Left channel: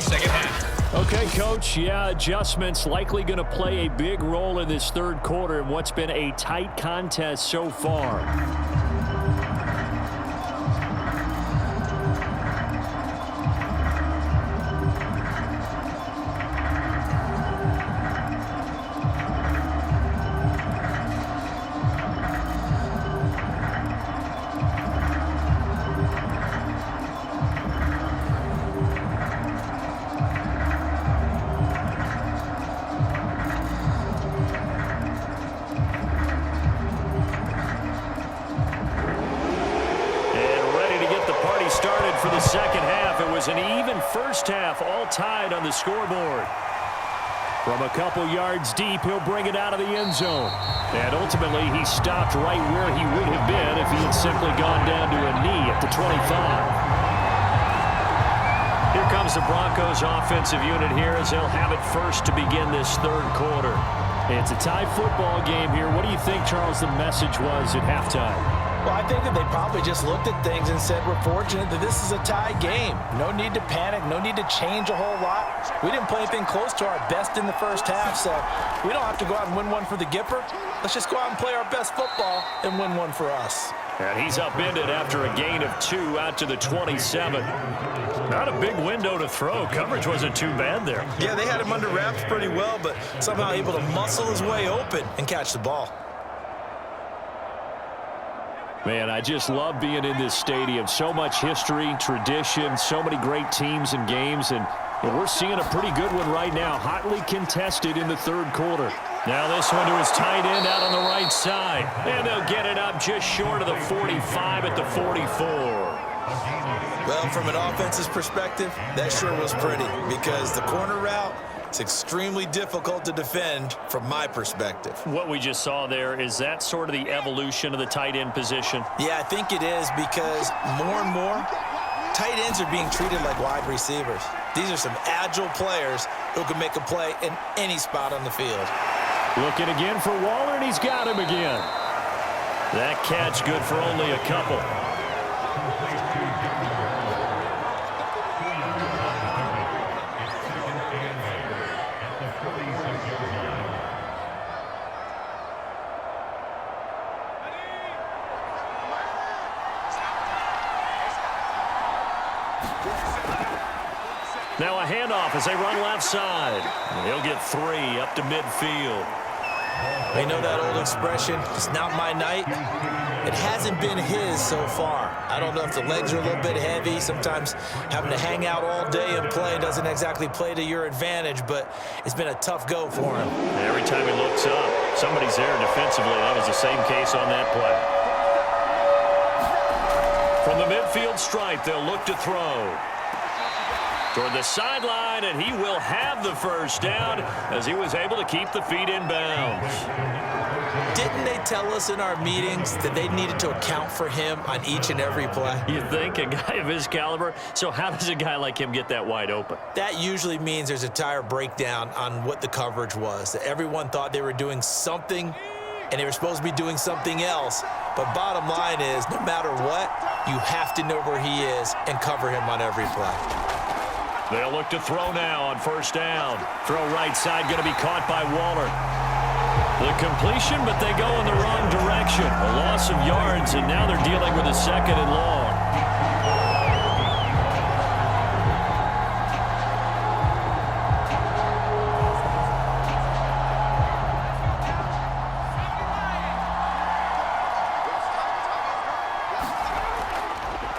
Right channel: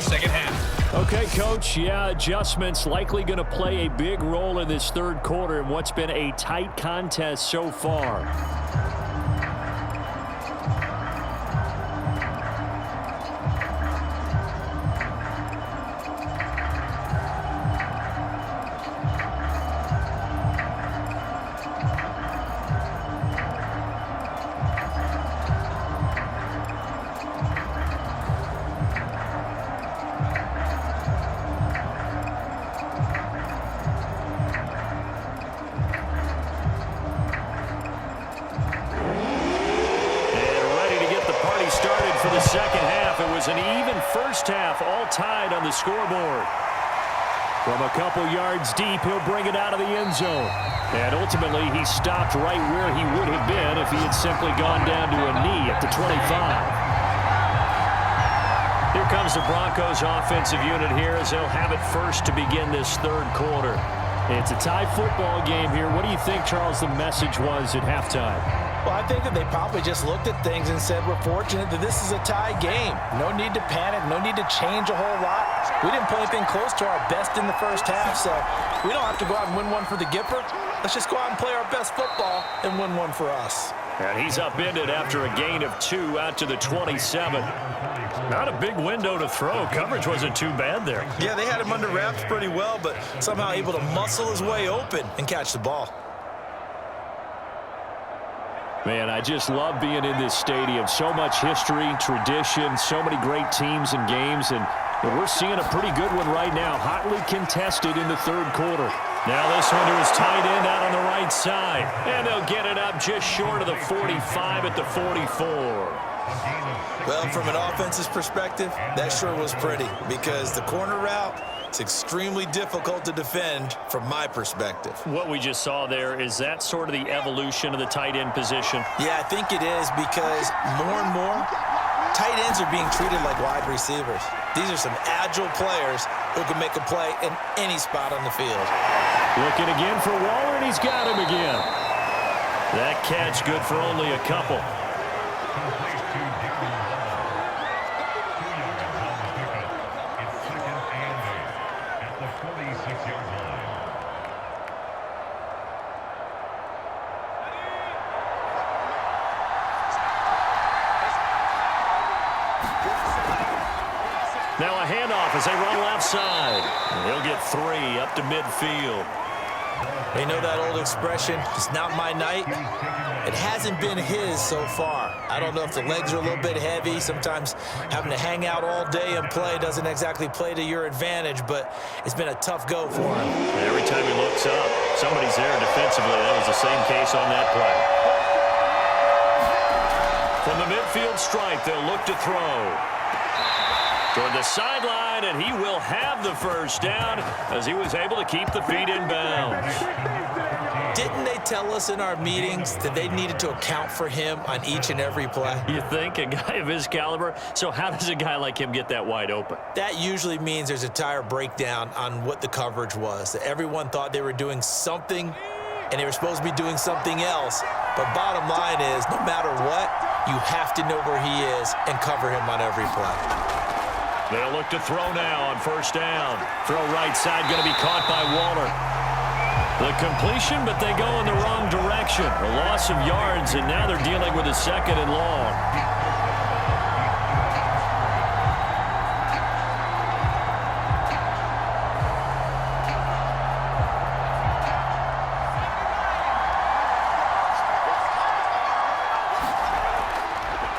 the second half. Okay, Coach, adjustments likely going to play a big role in this third quarter in what's been a tight contest so far. Started for the second half. It was an even first half, all tied on the scoreboard. From a couple yards deep, he'll bring it out of the end zone. And ultimately, he stopped right where he would have been if he had simply gone down to a knee at the 25. Here comes the Broncos offensive unit here as they'll have it first to begin this third quarter. It's a tie football game here. What do you think, Charles, the message was at halftime? Well, I think that they probably just looked at things and said, we're fortunate that this is a tie game. No need to panic. No need to change a whole lot. We didn't play anything close to our best in the first half, so we don't have to go out and win one for the Gipper. Let's just go out and play our best football and win one for us. And he's upended after a gain of 2 out to the 27. Not a big window to throw. Coverage wasn't too bad there. Yeah, they had him under wraps pretty well, but somehow able to muscle his way open and catch the ball. Man, I just love being in this stadium. So much history, tradition, so many great teams and games, and we're seeing a pretty good one right now, hotly contested in the third quarter. Now this one to his tight end out on the right side, and they'll get it up just short of the 45 at the 44. Well, from an offense's perspective, that sure was pretty because the corner route, it's extremely difficult to defend from my perspective. What we just saw there, is that sort of the evolution of the tight end position? Yeah, I think it is because more and more, tight ends are being treated like wide receivers. These are some agile players who can make a play in any spot on the field. Looking again for Waller, and he's got him again. That catch good for only a couple. Now a handoff as they run left side. He'll get 3 up to midfield. You know that old expression, it's not my night? It hasn't been his so far. I don't know if the legs are a little bit heavy. Sometimes having to hang out all day and play doesn't exactly play to your advantage, but it's been a tough go for him. Every time he looks up, somebody's there defensively. That was the same case on that play. From the midfield stripe, they'll look to throw. Toward the sideline, and he will have the first down as he was able to keep the feet in bounds. Didn't they tell us in our meetings that they needed to account for him on each and every play? You think? A guy of his caliber? So how does a guy like him get that wide open? That usually means there's a entire breakdown on what the coverage was. That everyone thought they were doing something, and they were supposed to be doing something else. But bottom line is, no matter what, you have to know where he is and cover him on every play. They'll look to throw now on first down. Throw right side, going to be caught by Waller. The completion, but they go in the wrong direction. A loss of yards, and now they're dealing with a 2nd and long.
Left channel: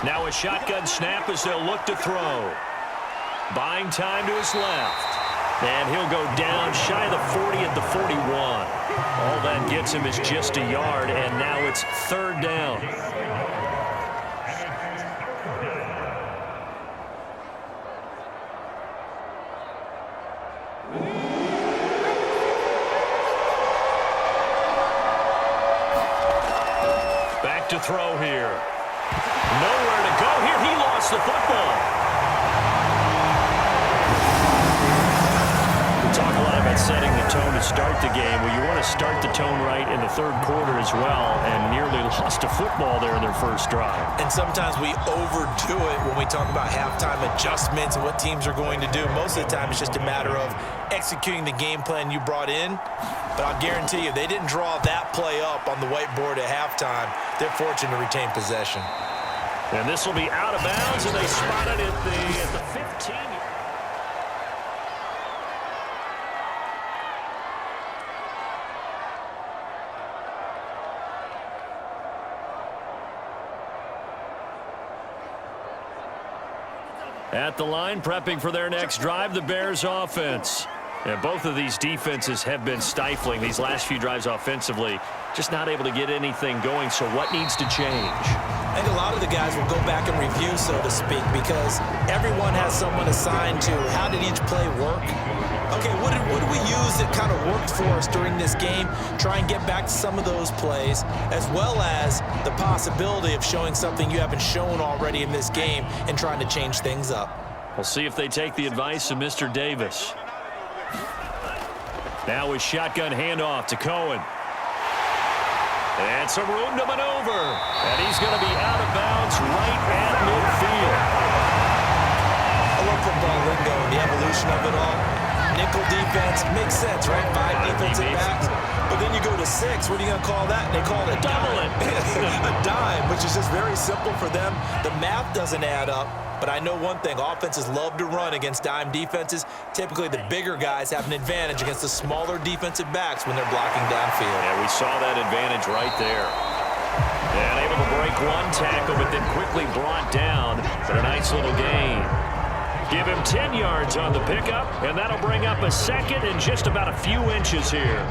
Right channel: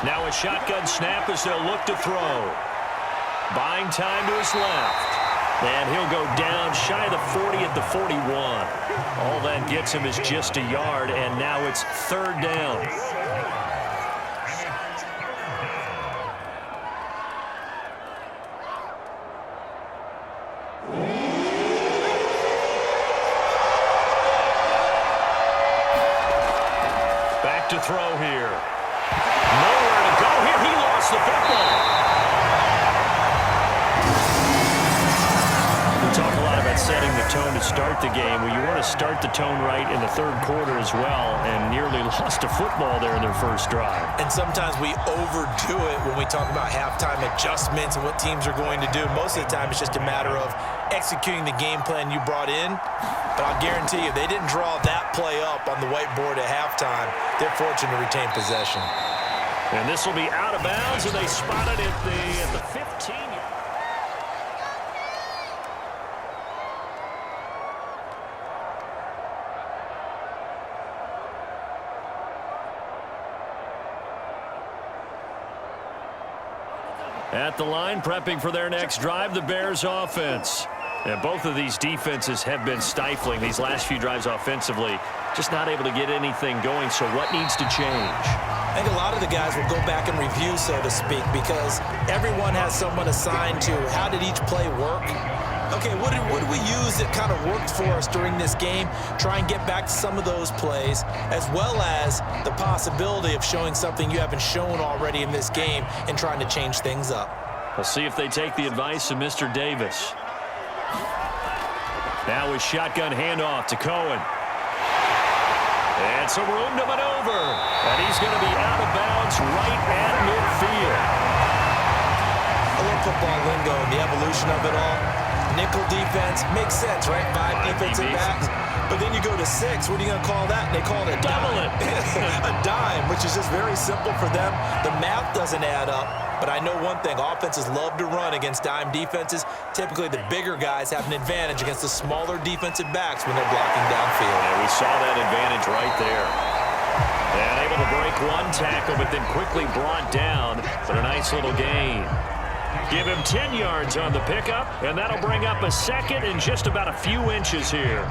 Now a shotgun snap as they'll look to throw. Buying time to his left. And he'll go down shy of the 40 at the 41. All that gets him is just a yard, and now it's 3rd down. Back to throw here. Nowhere to go here. He lost the football. Talk a lot about setting the tone to start the game. Well, you want to start the tone right in the third quarter as well, and nearly lost a football there in their first drive. And sometimes we overdo it when we talk about halftime adjustments and what teams are going to do. Most of the time, it's just a matter of executing the game plan you brought in. But I'll guarantee you, they didn't draw that play up on the whiteboard at halftime. They're fortunate to retain possession. And this will be out of bounds, and they spot it at the 15. At the line, prepping for their next drive, the Bears offense. And both of these defenses have been stifling these last few drives offensively. Just not able to get anything going, so what needs to change? I think a lot of the guys will go back and review, so to speak, because everyone has someone assigned to how did each play work. Okay, what did we use that kind of worked for us during this game? Try and get back to some of those plays, as well as the possibility of showing something you haven't shown already in this game and trying to change things up. We'll see if they take the advice of Mr. Davis. Now with shotgun handoff to Cohen. And some room to maneuver. And he's going to be out of bounds right at midfield. I love football lingo and the evolution of it all. Nickel defense makes sense, right? Five defensive backs. But then you go to 6. What are you going to call that? And they call it a dime. A dime, which is just very simple for them. The math doesn't add up. But I know one thing, offenses love to run against dime defenses. Typically, the bigger guys have an advantage against the smaller defensive backs when they're blocking downfield. Yeah, we saw that advantage right there. And able to break one tackle, but then quickly brought down. But a nice little gain. Give him 10 yards on the pickup, and that'll bring up a second and just about a few inches here.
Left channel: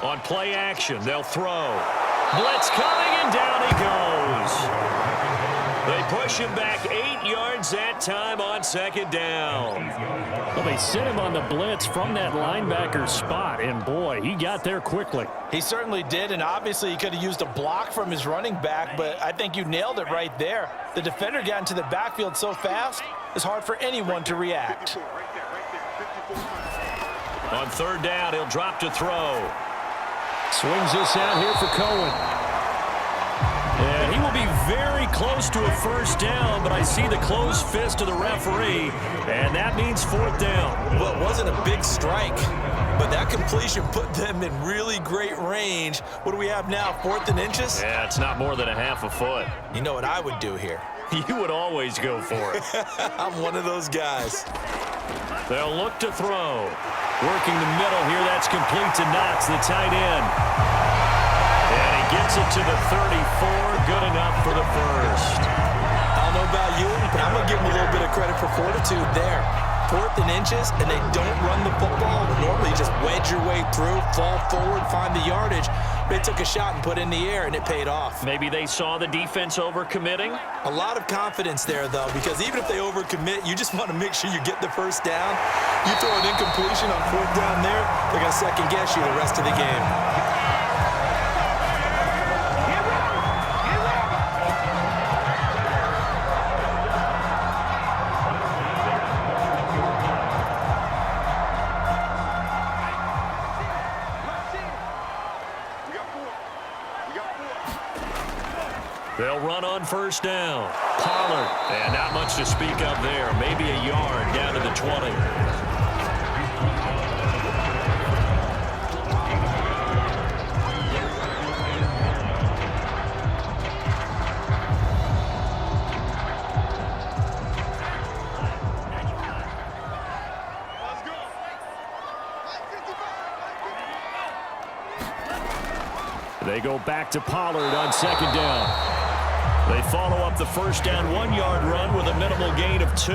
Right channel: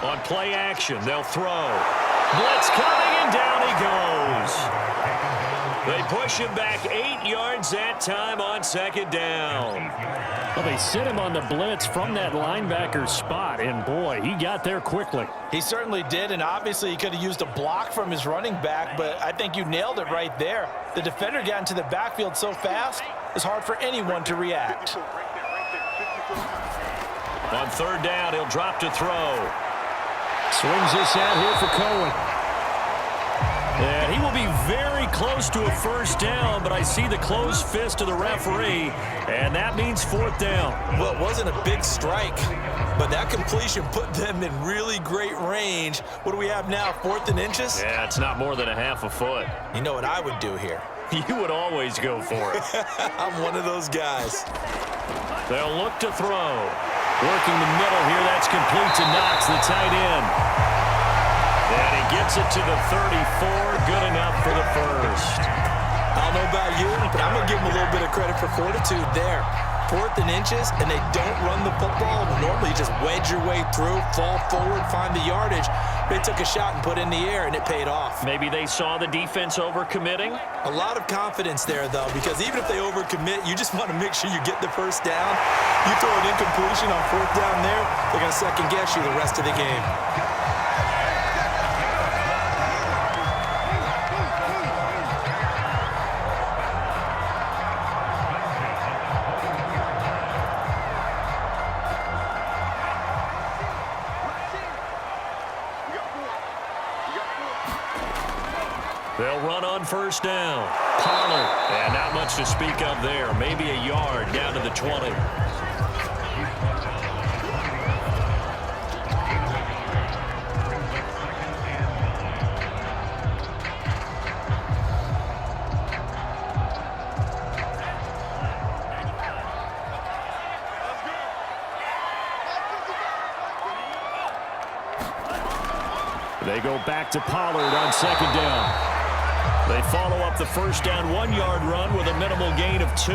On play action, they'll throw. Blitz coming, and down he goes. They push him back 8 yards that time on second down. Well, they sit him on the blitz from that linebacker spot, and boy, he got there quickly. He certainly did, and obviously he could have used a block from his running back, but I think you nailed it right there. The defender got into the backfield so fast, it's hard for anyone to react. On third down, he'll drop to throw. Swings this out here for Cohen. And he will be very close to a first down, but I see the closed fist of the referee, and that means fourth down. Well, it wasn't a big strike, but that completion put them in really great range. What do we have now, 4th and inches? Yeah, it's not more than a half a foot. You know what I would do here? You would always go for it. I'm one of those guys. They'll look to throw. Working the middle here, that's complete to Knox, the tight end. And he gets it to the 34, good enough for the first. I don't know about you, but I'm going to give him a little bit of credit for fortitude there. 4th and inches, and they don't run the football. Normally, you just wedge your way through, fall forward, find the yardage. They took a shot and put it in the air, and it paid off. Maybe they saw the defense overcommitting. A lot of confidence there, though, because even if they overcommit, you just want to make sure you get the first down. You throw an incompletion on 4th down there, they're going to second-guess you the rest of the game. They'll run on first down. Pollard, and not much to speak of there. Maybe a yard down to the 20. They go back to Pollard on second down. They follow up the first down 1-yard run with a minimal gain of 2.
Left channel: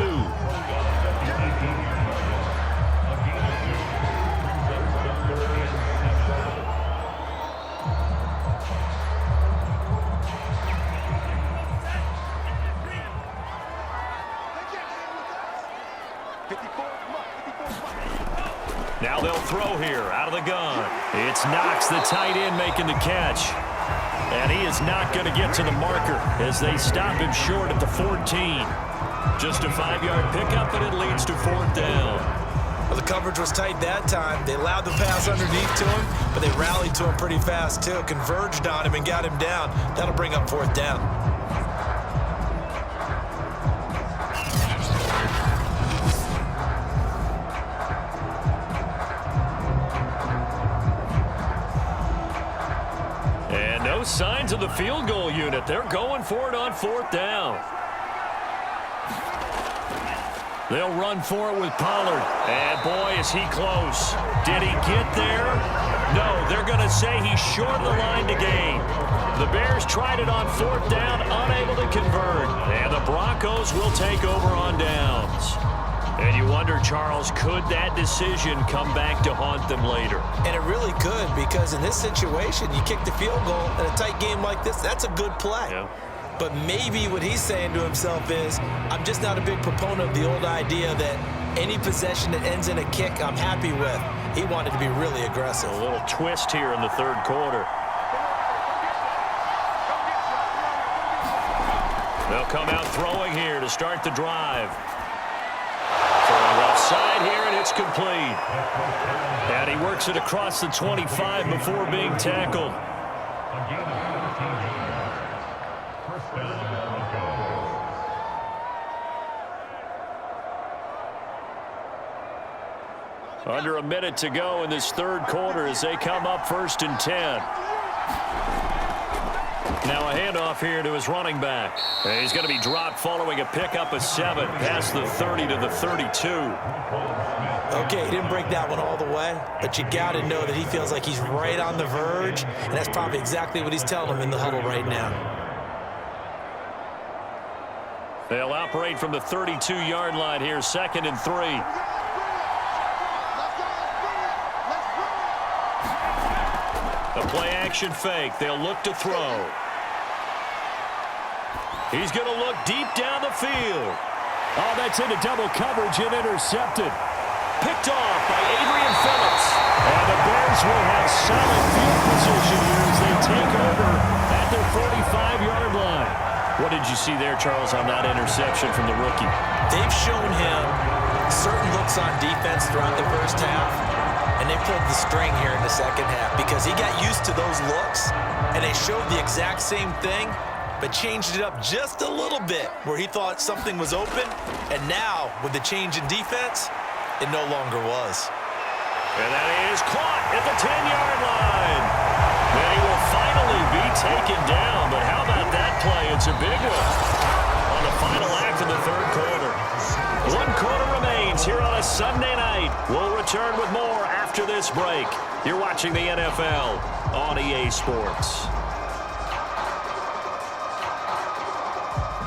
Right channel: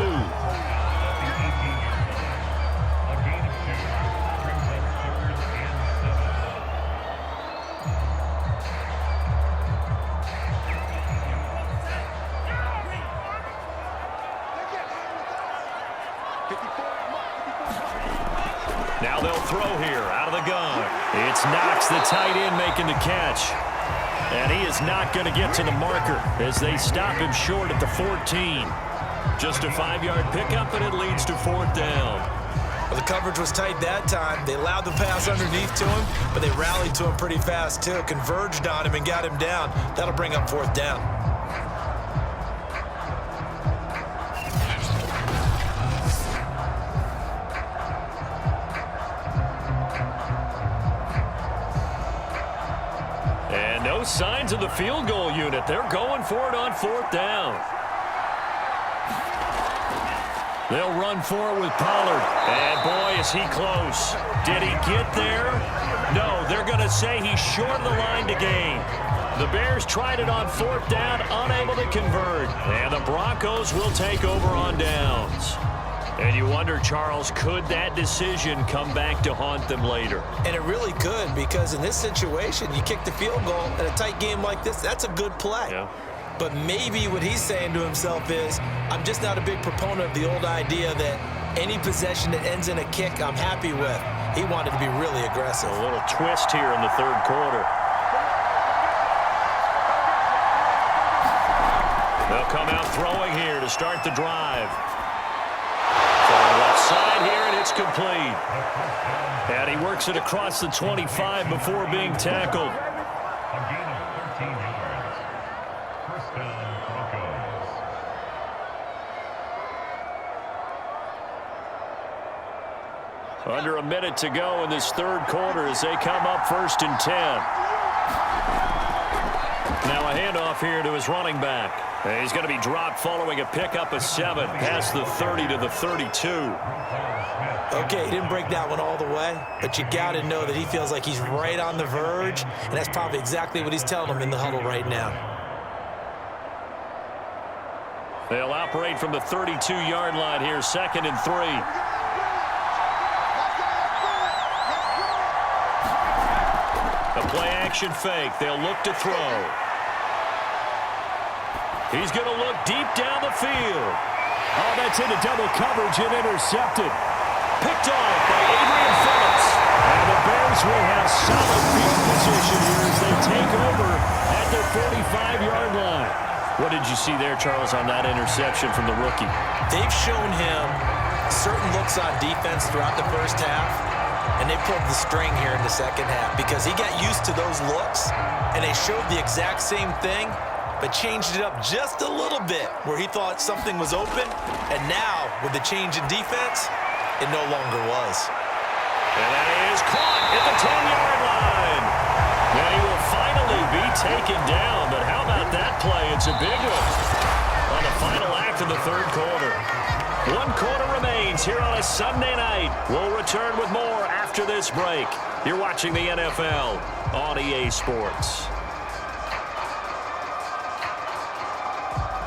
Now Now they'll throw here out of the gun. It's Knox, the tight end, making the catch. And he is not going to get to the marker as they stop him short at the 14. Just a 5-yard pickup, and it leads to 4th down. Well, the coverage was tight that time. They allowed the pass underneath to him, but they rallied to him pretty fast, too. Converged on him and got him down. That'll bring up 4th down. And no signs of the field goal unit. They're going for it on 4th down. They'll run for it with Pollard. And boy, is he close. Did he get there? No, they're going to say he's short of the line to gain. The Bears tried it on 4th down, unable to convert. And the Broncos will take over on downs. And you wonder, Charles, could that decision come back to haunt them later? And it really could, because in this situation, you kick the field goal in a tight game like this, that's a good play. Yeah. But maybe what he's saying to himself is, I'm just not a big proponent of the old idea that any possession that ends in a kick I'm happy with. He wanted to be really aggressive. A little twist here in the 3rd quarter. They'll come out throwing here to start the drive. Throwing left side here, and it's complete. And he works it across the 25 before being tackled. A gain of 13 yards. First down, Broncos. Under a minute to go in this 3rd quarter as they come up 1st and 10. Now a handoff here to his running back. And he's going to be dropped following a pickup of 7 past the 30 to the 32. Okay, he didn't break that one all the way, but you got to know that he feels like he's right on the verge, and that's probably exactly what he's telling him in the huddle right now. They'll operate from the 32-yard line here, 2nd and 3. A play-action fake. They'll look to throw. He's going to look deep down the field. Oh, that's into double coverage and intercepted. Picked off by Adrian Phillips. And the Bears will have solid field position here as they take over at their 45-yard line. What did you see there, Charles, on that interception from the rookie? They've shown him certain looks on defense throughout the first half, and they pulled the string here in the second half because he got used to those looks, and they showed the exact same thing, but changed it up just a little bit where he thought something was open, and now, with the change in defense, it no longer was. And that is caught at the 10-yard line. And he will finally be taken down, but how about that play? It's a big one on the final act of the 3rd quarter. 1 quarter remains here on a Sunday night. We'll return with more after this break. You're watching the NFL on EA Sports.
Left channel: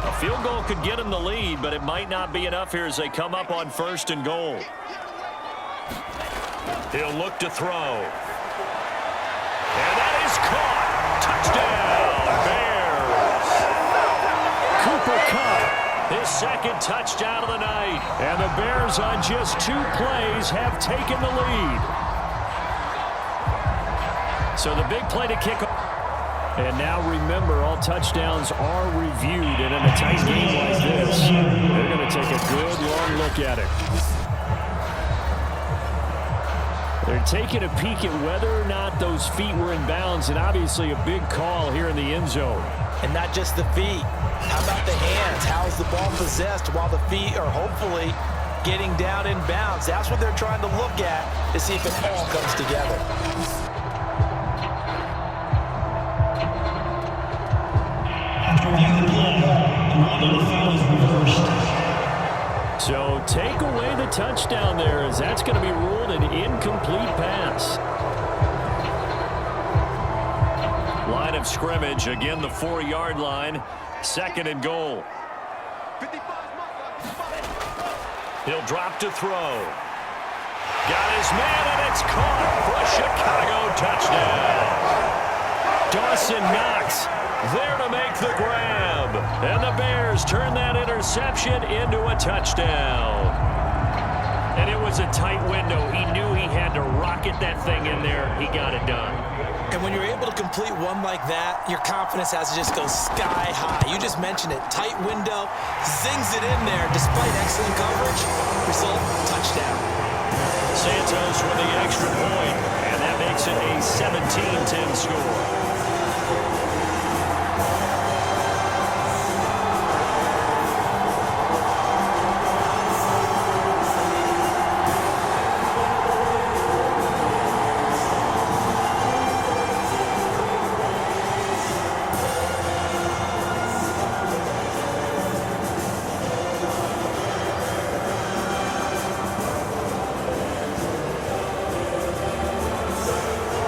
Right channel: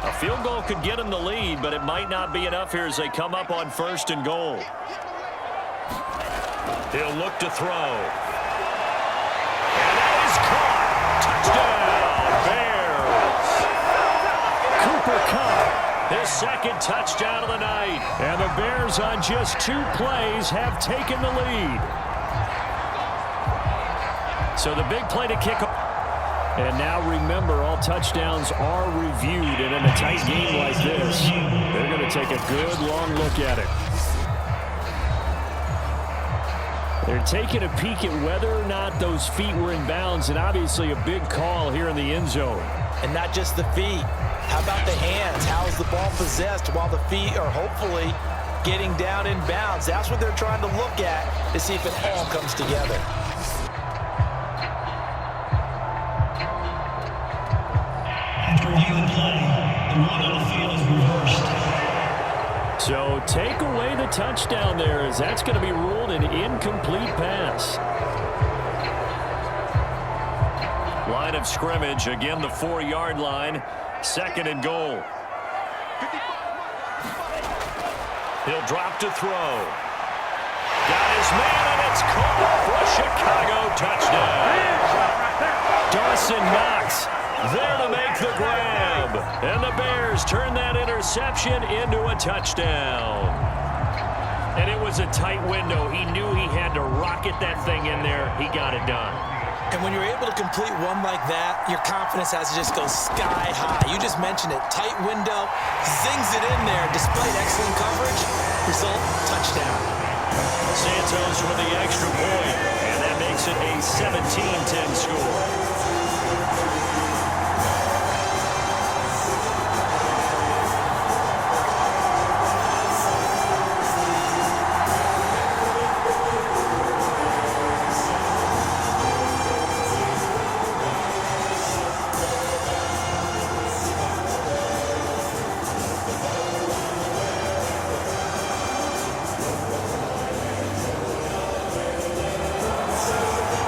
A field goal could get him the lead, but it might not be enough here as they come up on 1st and goal. He'll look to throw. And that is caught. Touchdown, Bears. Cooper Kupp, His 2nd touchdown of the night. and the Bears on just 2 plays have taken the lead. So the big play to kick off. And now remember, all touchdowns are reviewed, and in a tight game like this, they're going to take a good long look at it. They're taking a peek at whether or not those feet were in bounds, and obviously a big call here in the end zone. And not just the feet. How about the hands? How is the ball possessed while the feet are hopefully getting down in bounds? That's what they're trying to look at to see if it all comes together. After reviewing the play, the ruling on the field is reversed. So take away the touchdown there, as that's going to be ruled an incomplete pass. Line of scrimmage, again the 4-yard line, 2nd and goal. He'll drop to throw. Got his man, and it's caught for a Chicago touchdown. Dawson Knox There to make the grab. And the Bears turn that interception into a touchdown. And it was a tight window. He knew he had to rocket that thing in there. He got it done. And when you're able to complete one like that, your confidence has to just go sky high. You just mentioned it. Tight window, zings it in there despite excellent coverage. Result, touchdown. Santos with the extra point, and that makes it a 17-10 score.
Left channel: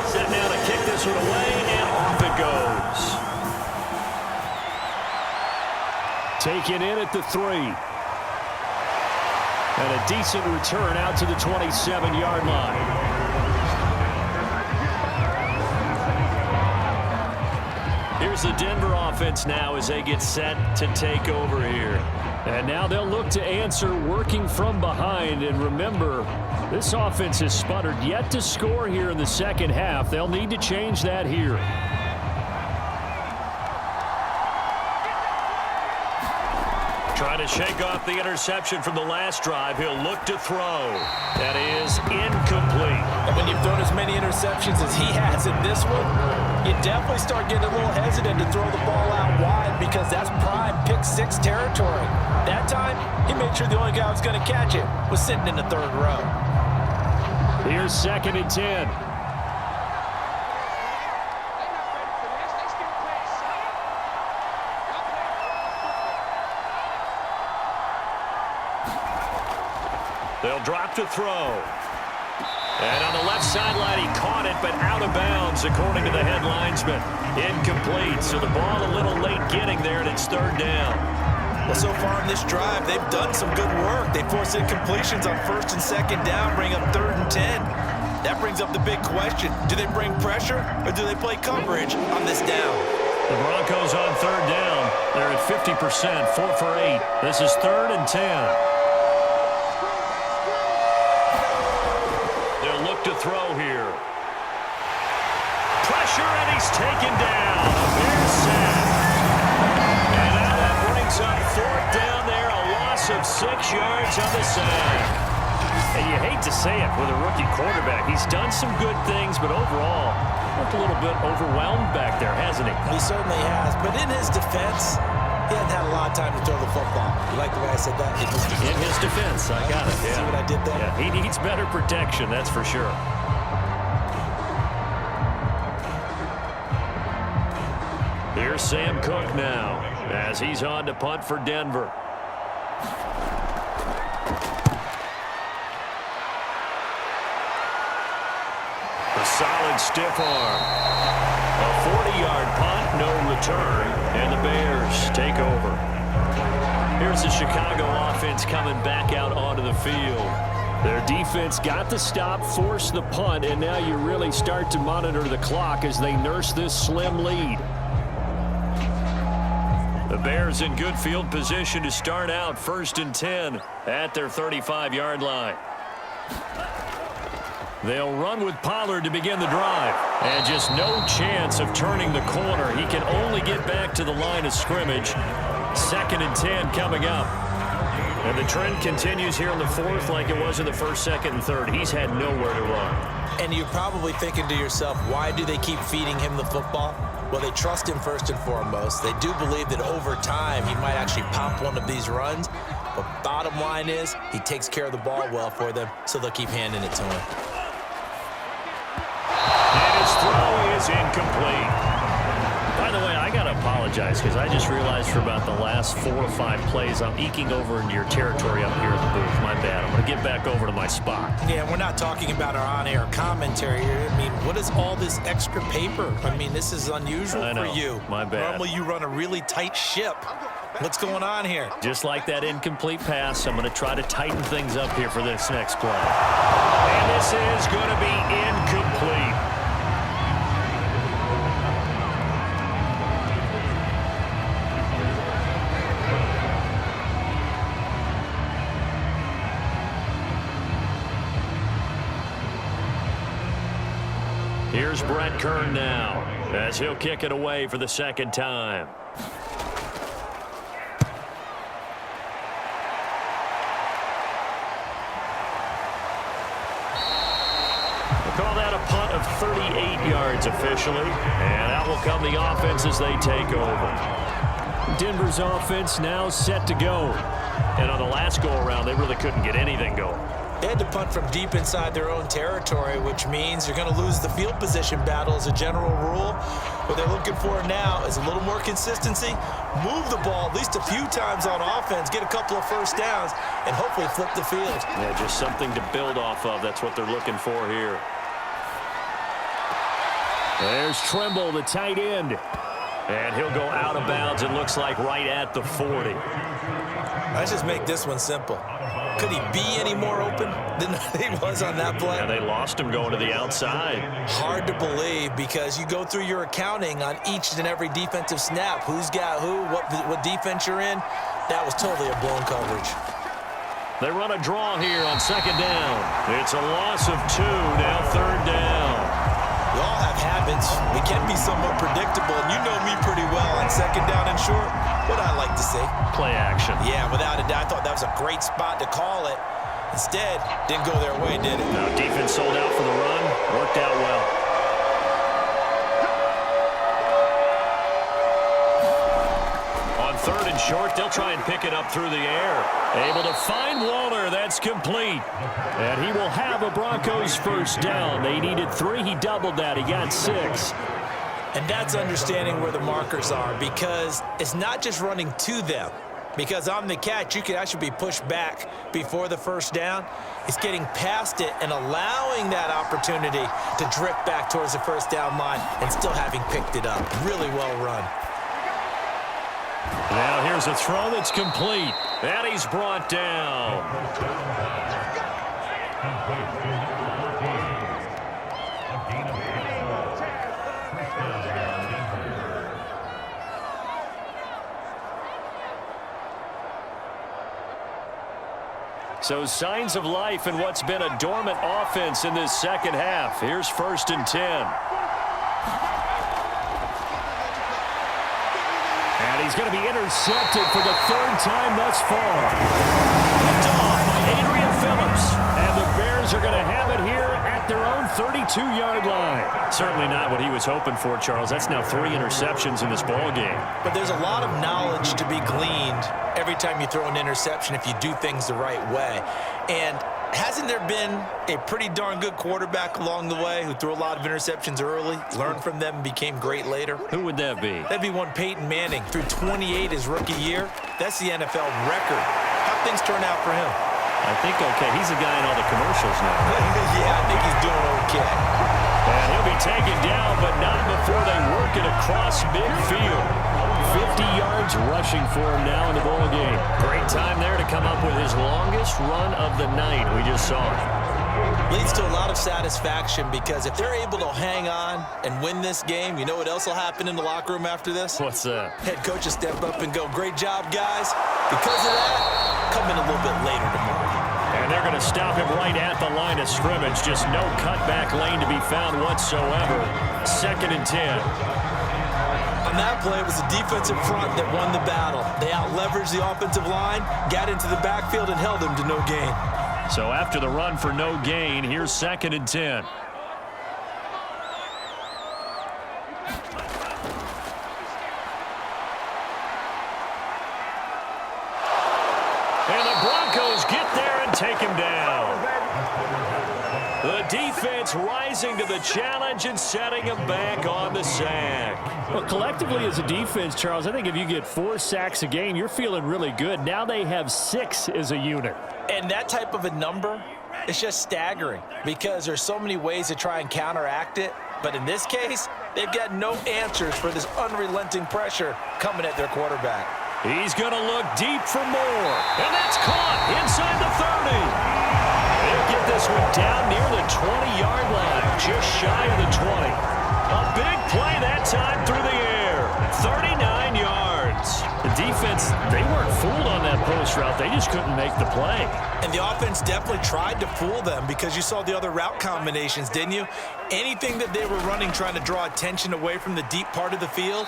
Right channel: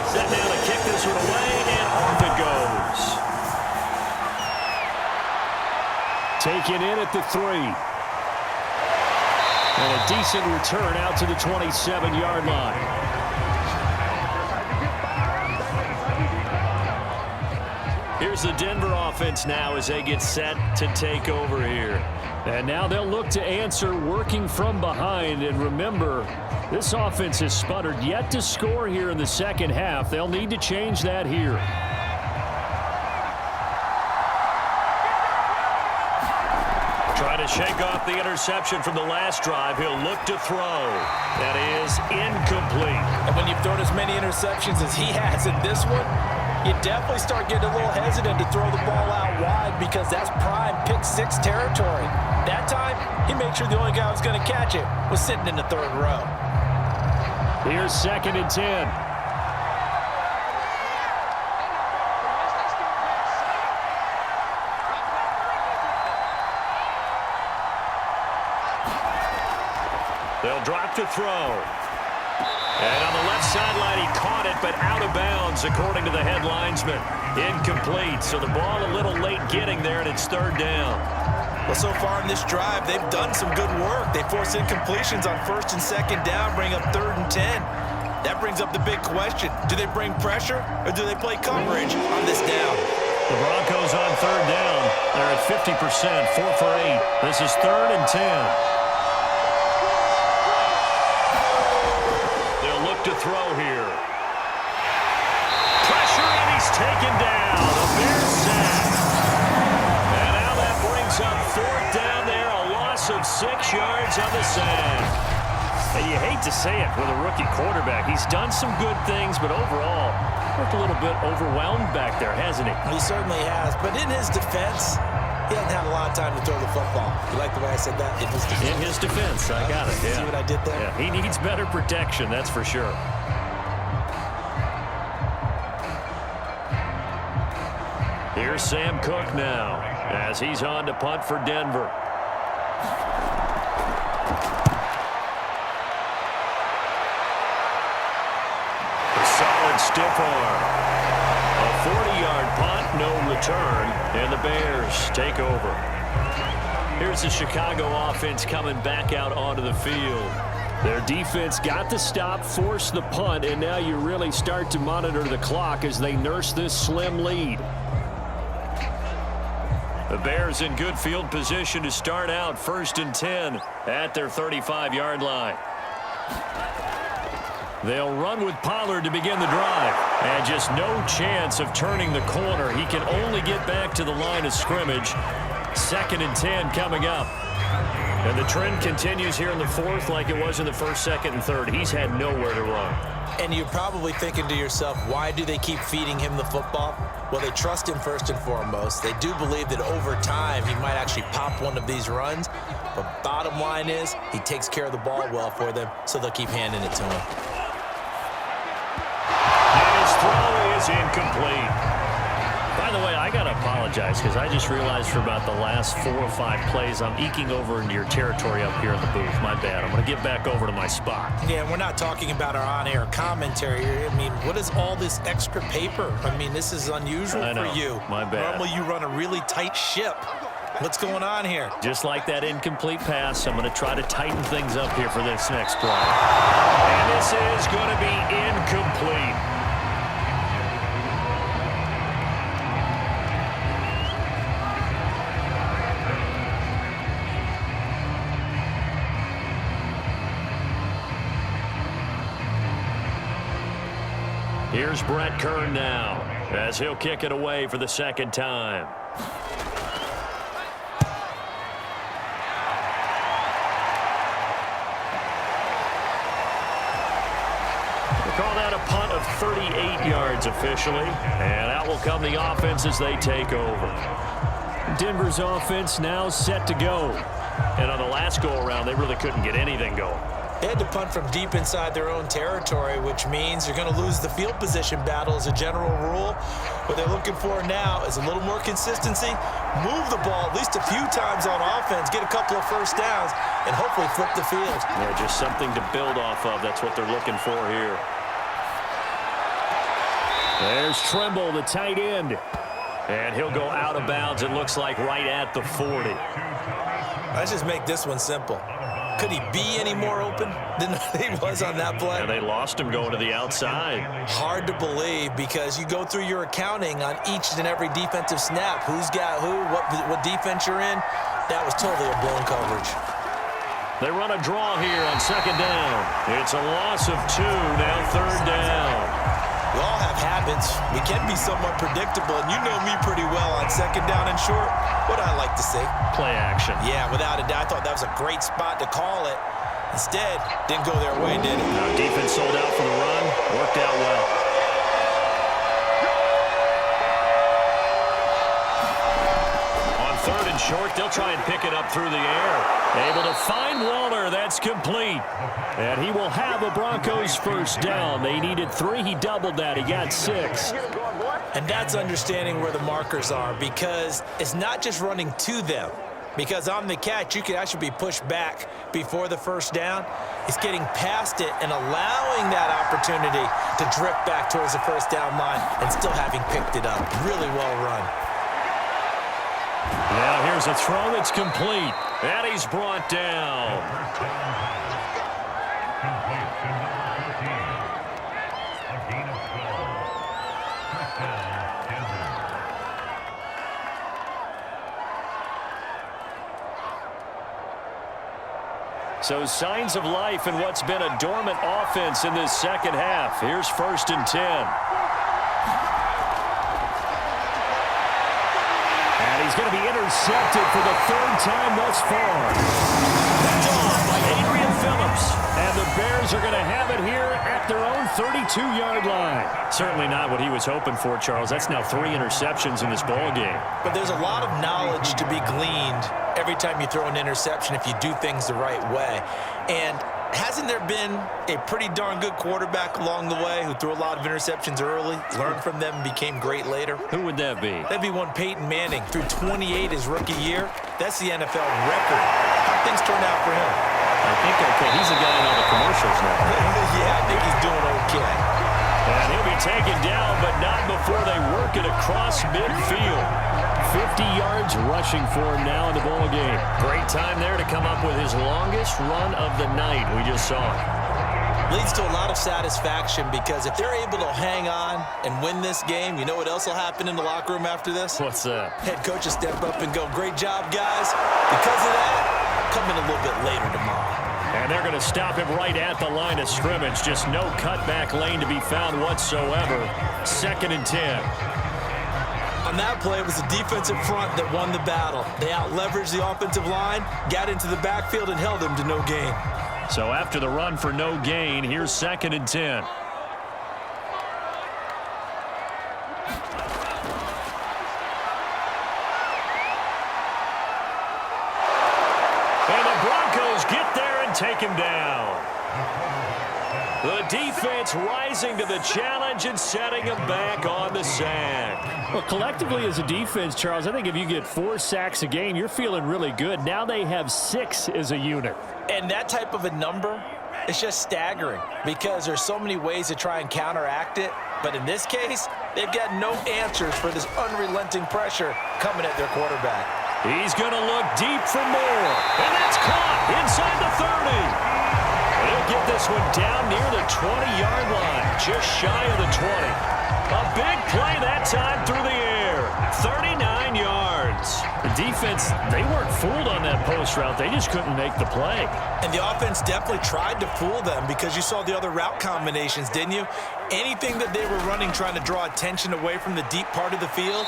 Set now to kick this one away, and off it goes. Taken in at the 3. And a decent return out to the 27-yard line. Here's the Denver offense now as they get set to take over here. And now they'll look to answer working from behind. And remember, this offense has sputtered yet to score here in the second half. They'll need to change that here. Trying to shake off the interception from the last drive. He'll look to throw. That is incomplete. And when you've thrown as many interceptions as he has in this one, you definitely start getting a little hesitant to throw the ball out wide because that's prime pick 6 territory. That time, he made sure the only guy who was going to catch it was sitting in the third row. Here's 2nd and 10. They'll drop to throw. And on the left sideline, he caught it, but out of bounds, according to the head linesman. Incomplete, so the ball a little late getting there, and it's 3rd down. Well, so far in this drive, they've done some good work. They force incompletions on 1st and 2nd down, bring up 3rd and 10. That brings up the big question. Do they bring pressure, or do they play coverage on this down? The Broncos on 3rd down. They're at 50%, 4 for 8. This is 3rd and 10. Look to throw here. Pressure, and he's taken down. A Bears sack. And now that brings up 4th down there. A loss of 6 yards on the sack. And you hate to say it with a rookie quarterback. He's done some good things, but overall, looked a little bit overwhelmed back there, hasn't he? He certainly has. But in his defense, he hasn't had a lot of time to throw the football. You like the way I said that? In his defense. I got it. Yeah. See what I did there? Yeah, he needs better protection, that's for sure. Here's Sam Cook now as he's on to punt for Denver. A solid stiff arm. A 40-yard punt, no return, and the Bears take over. Here's the Chicago offense coming back out onto the field. Their defense got the stop, forced the punt, and now you really start to monitor the clock as they nurse this slim lead. The Bears in good field position to start out 1st and 10 at their 35-yard line. They'll run with Pollard to begin the drive. And just no chance of turning the corner. He can only get back to the line of scrimmage. 2nd and 10 coming up. And the trend continues here in the 4th like it was in the 1st, 2nd, and 3rd. He's had nowhere to run. And you're probably thinking to yourself, why do they keep feeding him the football? Well, they trust him first and foremost. They do believe that over time he might actually pop one of these runs. But bottom line is he takes care of the ball well for them, so they'll keep handing it to him. And his throw is incomplete. By the way, I got to apologize because I just realized for about the last 4 or 5 plays I'm eking over into your territory up here in the booth. My bad. I'm going to get back over to my spot. Yeah, we're not talking about our on-air commentary here. I mean, what is all this extra paper? I mean, this is unusual for you. My bad. Normally you run a really tight ship. What's going on here? Just like that incomplete pass, I'm going to try to tighten things up here for this next play. And this is going to be incomplete. Here's Brett Kern now as he'll kick it away for the second time. Call that a punt of 38 yards officially, and out will come the offense as they take over. Denver's offense now set to go. And on the last go-around, they really couldn't get anything going. They had to punt from deep inside their own territory, which means you're going to lose the field position battle as a general rule. What they're looking for now is a little more consistency, move the ball at least a few times on offense, get a couple of first downs, and hopefully flip the field. Yeah, just something to build off of. That's what they're looking for here. There's Tremble, the tight end. And he'll go out of bounds, it looks like, right at the 40. Let's just make this one simple. Could he be any more open than he was on that play? And they lost him going to the outside. Hard to believe because you go through your accounting on each and every defensive snap. Who's got who, what defense you're in. That was totally a blown coverage. They run a draw here on second down. It's a loss of 2, now third down. We all have habits. We can be somewhat predictable, and you know me pretty well on second down and short. What I like to see? Play action. Yeah, without a doubt. I thought that was a great spot to call it. Instead, didn't go their way, did it? No, defense sold out for the run. Worked out well. On third and short, they'll try and pick it up through the air. Able to find Waller. That's complete. And he will have a Broncos first down. They needed 3. He doubled that. He got 6. And that's understanding where the markers are because it's not just running to them. Because on the catch, you could actually be pushed back before the first down. It's getting past it and allowing that opportunity to drift back towards the first down line and still having picked it up. Really well run. Now here's a throw that's complete. And he's brought down. So signs of life in what's been a dormant offense in this second half. Here's 1st and 10. And he's going to be intercepted for the 3rd time thus far. Picked off by Adrian Phillips. And the Bears are going to have it here at their own 32-yard line. Certainly not what he was hoping for, Charles. That's now 3 interceptions in this ball game. But there's a lot of knowledge to be gleaned every time you throw an interception if you do things the right way. And hasn't there been a pretty darn good quarterback along the way who threw a lot of interceptions early, learned from them, and became great later? Who would that be? That'd be one Peyton Manning. Threw 28 his rookie year. That's the NFL record. How'd things turn out for him? I think okay. He's the guy in all the commercials now, right? Yeah, I think he's doing okay. And he'll be taken down, but not before they work it across midfield. 50 yards rushing for him now in the ball game. Great time there to come up with his longest run of the night. We just saw it. Leads to a lot of satisfaction because if they're able to hang on and win this game, you know what else will happen in the locker room after this? What's that? Head coach will step up and go, great job, guys. Because of that, come in a little bit later tomorrow. And they're going to stop him right at the line of scrimmage. Just no cutback lane to be found whatsoever. 2nd and 10. On that play, it was the defensive front that won the battle. They out-leveraged the offensive line, got into the backfield, and held him to no gain. So after the run for no gain, here's 2nd and 10. And the Broncos get there and take him down. The defense rising to the challenge and setting him back on the sack. Well, collectively as a defense, Charles, I think if you get 4 sacks a game, you're feeling really good. Now they have 6 as a unit. And that type of a number is just staggering because there's so many ways to try and counteract it. But in this case, they've got no answers for this unrelenting pressure coming at their quarterback. He's going to look deep for more. And that's caught inside the 30. He'll get this one down near the 20-yard line, just shy of the 20. A big play that time through the air. 39 yards. defense, they weren't fooled on that post route. They just couldn't make the play. And the offense definitely tried to fool them because you saw the other route combinations, didn't you? Anything that they were running trying to draw attention away from the deep part of the field,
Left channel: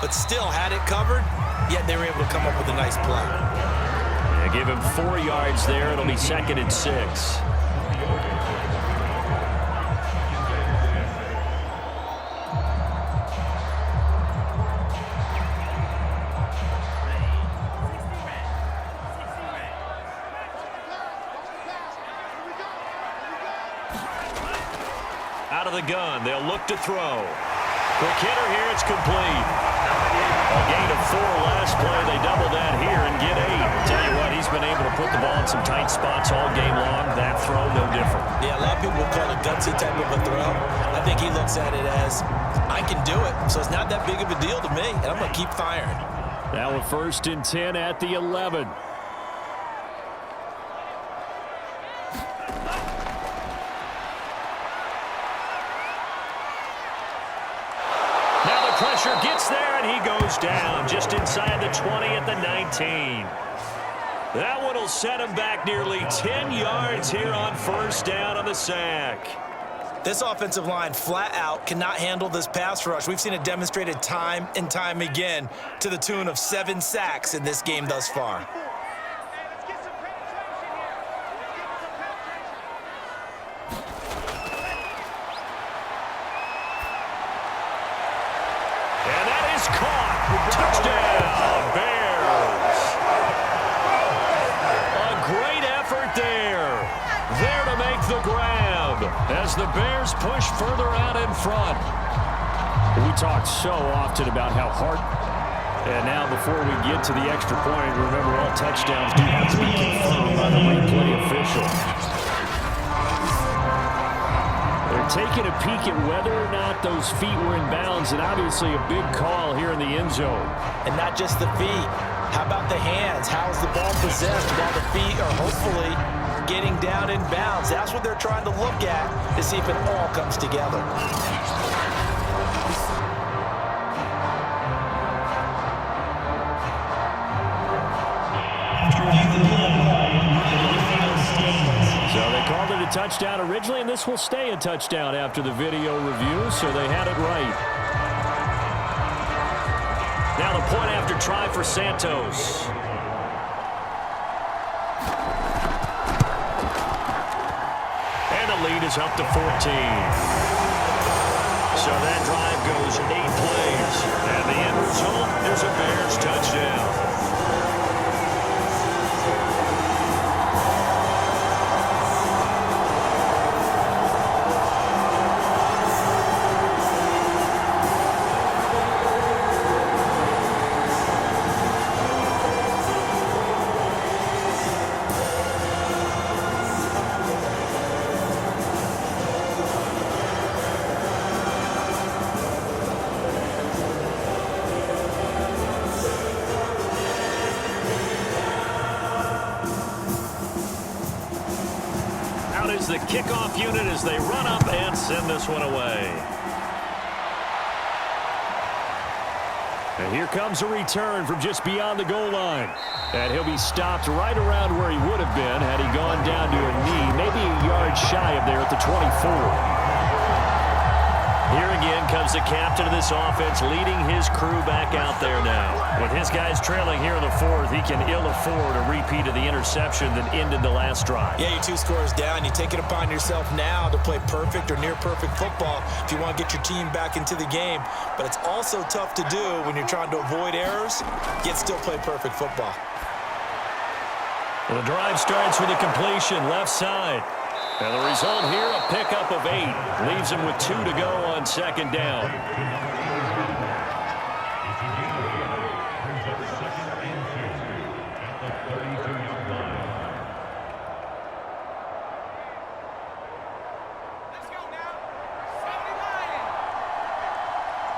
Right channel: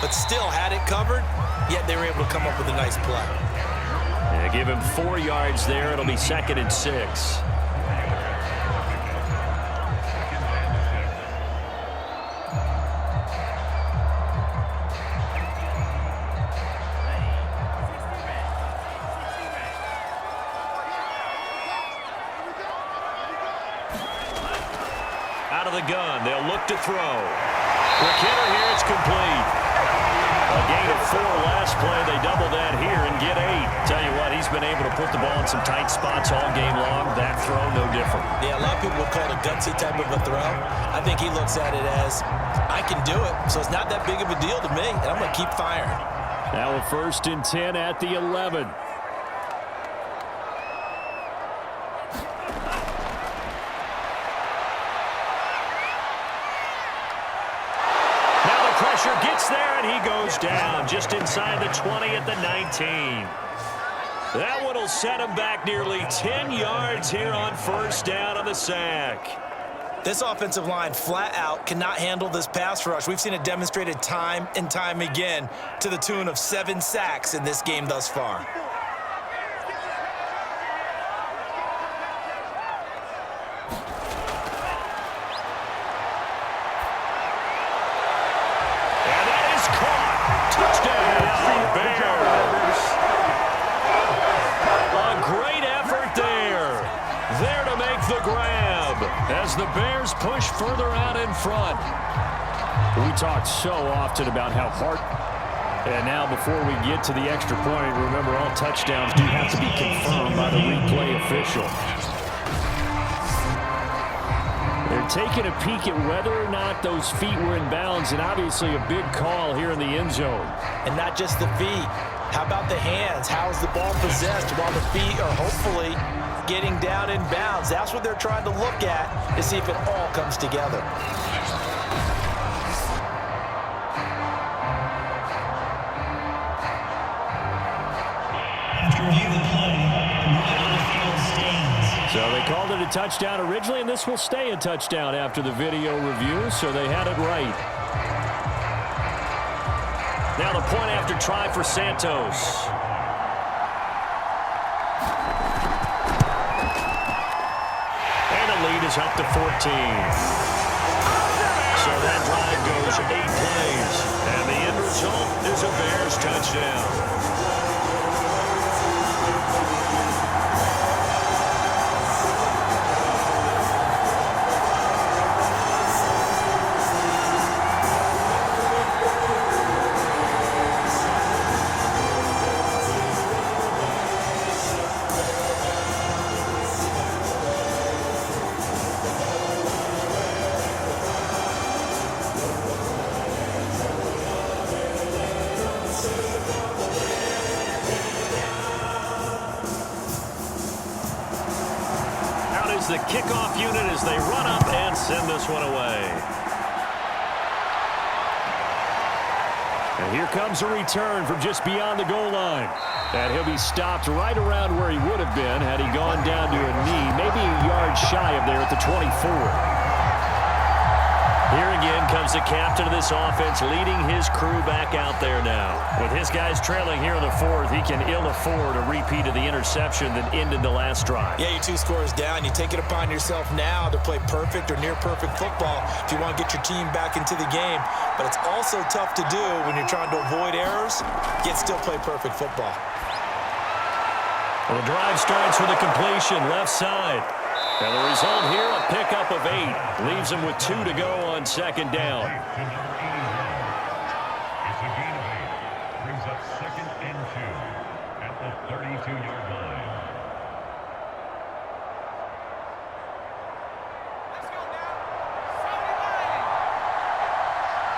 but still had it covered, yet they were able to come up with a nice play. Yeah, give him 4 yards there. It'll be 2nd and 6. Out of the gun, they'll look to throw. Quick hitter here, it's complete. A gain of 4 last play. They double that here and get 8. Tell you what, he's been able to put the ball in some tight spots all game long. That throw, no different. Yeah, a lot of people would call it a gutsy type of a throw. I think he looks at it as, I can do it, so it's not that big of a deal to me, and I'm going to keep firing. Now a 1st and 10 at the 11. Pressure gets there, and he goes down just inside the 20 at the 19. That one will set him back nearly 10 yards here on 1st down on the sack. This offensive line flat out cannot handle this pass rush. We've seen it demonstrated time and time again to the tune of 7 sacks in this game thus far. Touchdown, Bears. A great effort there. There to make the grab as the Bears push further out in front. We talked so often about how hard. And now before we get to the extra point, remember all touchdowns do have to be confirmed by the replay official. They're taking a peek at whether or not those feet were in bounds, and obviously a big call here in the end zone. And not just the feet. How about the hands? How is the ball possessed while the feet are hopefully getting down in bounds? That's what they're trying to look at to see if it all comes together. After reviewing the play, the ruling on the field stands. So they called it a touchdown originally, and this will stay a touchdown after the video review, so they had it right. Now the point after try for Santos. And the lead is up to 14. So that drive goes 8 plays. And the end result is a Bears touchdown. The kickoff unit as they run up and send this one away. And here comes a return from just beyond the goal line. And he'll be stopped right around where he would have been had he gone down to a knee, maybe a yard shy of there at the 24. Here again comes the captain of this offense leading his crew back out there now. With his guys trailing here in the 4th, he can ill afford a repeat of the interception that ended the last drive. Yeah, you're 2 scores down. You take it upon yourself now to play perfect or near perfect football if you want to get your team back into the game. But it's also tough to do when you're trying to avoid errors, yet still play perfect football. Well, the drive starts with a completion left side. And the result here, a pickup of 8. Leaves him with 2 to go on 2nd down. To number 81. It's a gain of 8. Brings up 2nd and 2 at the 32-yard line. Let's go now. 79.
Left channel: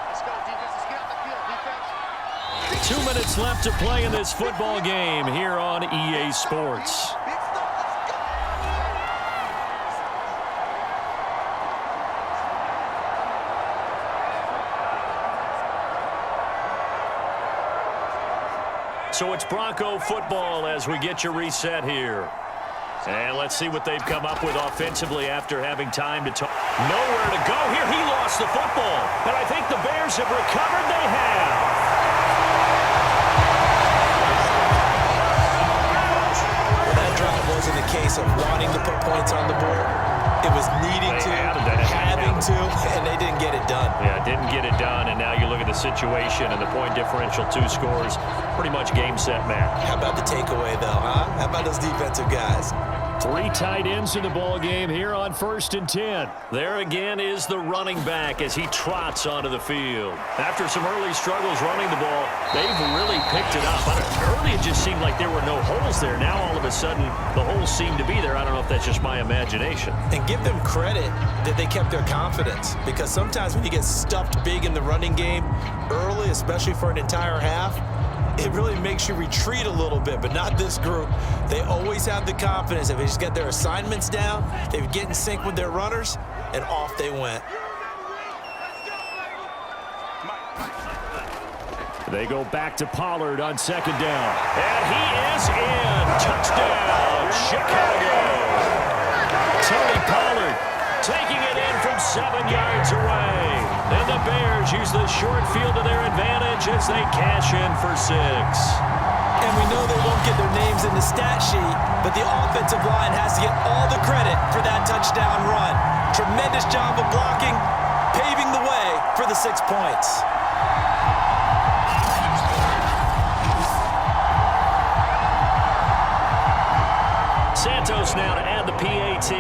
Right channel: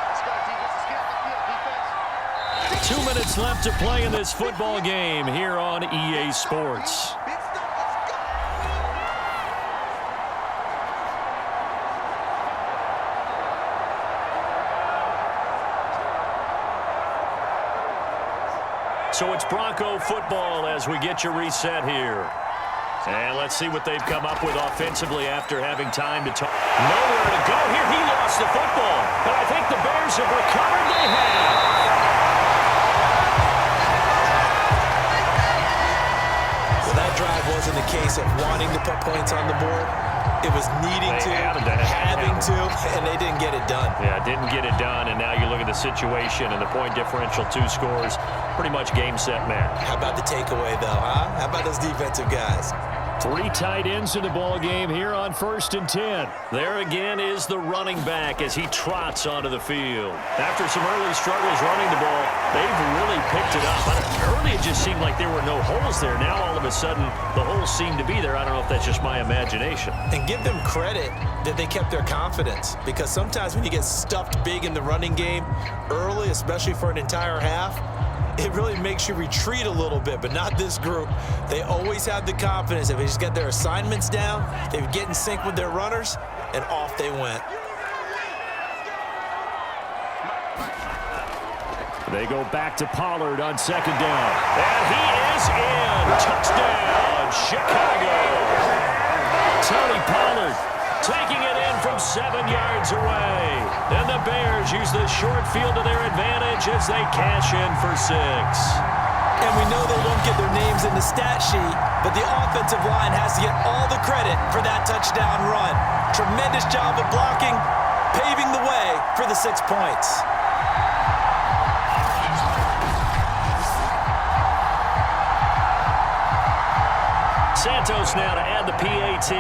Let's go, defense. Let's get off the field, defense. 2 minutes left to play in this football game here on EA Sports. Big stuff. Let's go. So it's Bronco football as we get you reset here. And let's see what they've come up with offensively after having time to talk. Nowhere to go here. He lost the football. And I think the Bears have recovered. They have. Well, that drive wasn't a case of wanting to put points on the board. It was needing to, having to, and they didn't get it done. Yeah, didn't get it done, and now you look at the situation and the point differential, 2 scores, pretty much game, set, match. How about the takeaway, though, huh? How about those defensive guys? 3 tight ends in the ball game here on 1st and 10. There again is the running back as he trots onto the field. After some early struggles running the ball, they've really picked it up. Early it just seemed like there were no holes there. Now all of a sudden the holes seem to be there. I don't know if that's just my imagination. And give them credit that they kept their confidence, because sometimes when you get stuffed big in the running game early, especially for an entire half, it really makes you retreat a little bit, but not this group. They always have the confidence. If they just get their assignments down, they get in sync with their runners, and off they went. They go back to Pollard on 2nd down. And he is in. Touchdown, Chicago. Tony Pollard taking it in from 7 yards away. And the Bears use the short field to their advantage as they cash in for 6. And we know they won't get their names in the stat sheet, but the offensive line has to get all the credit for that touchdown run. Tremendous job of blocking, paving the way for the 6 points. Santos now to add the PAT.